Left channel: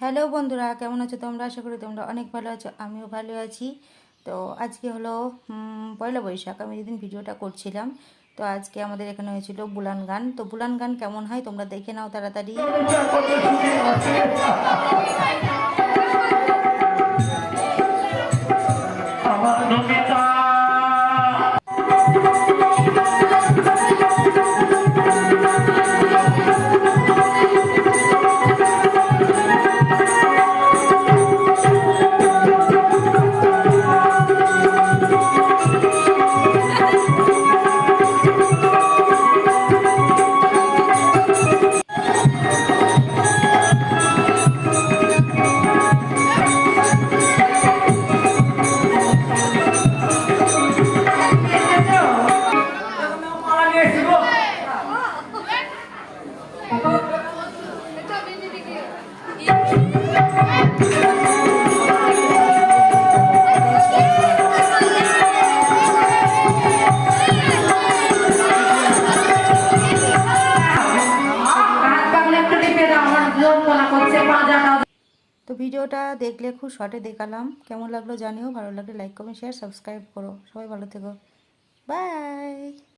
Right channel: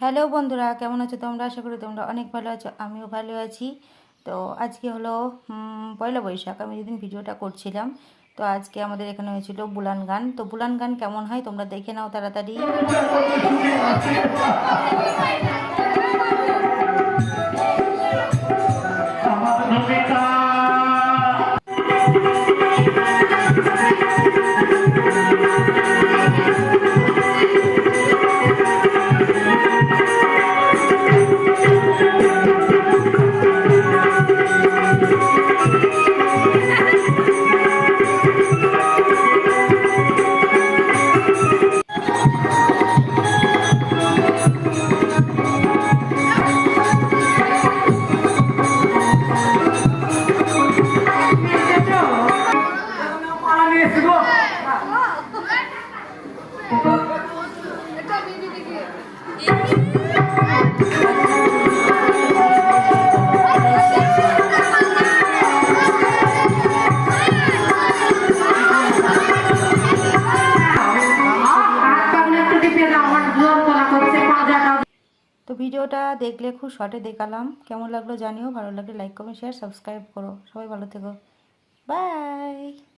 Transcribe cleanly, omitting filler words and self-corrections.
Hello বন্ধুরা, কেমন আছো তোমরা? আশা করি তোমরা অনেক ভালো আছো, আমিও ভালো আছি। তো আজকে হলো পয়লা বৈশাখ। আমি যেদিন ভিডিওটা করছিলাম, তো আজকে আমাদের এখানে হয়েছিল বুলান গান। তো বুলান গান কেমন হয় তোমরা দেখে নাও তাড়াতাড়ি। তো ভিডিওটা দেখলে খুব শর্টে দেখালাম, কেমন লাগলো জানিও। ভালো লাগলে লাইক কমেন্ট শেয়ার সাবস্ক্রাইব করো। সবাই ভালো থেকো, বাই।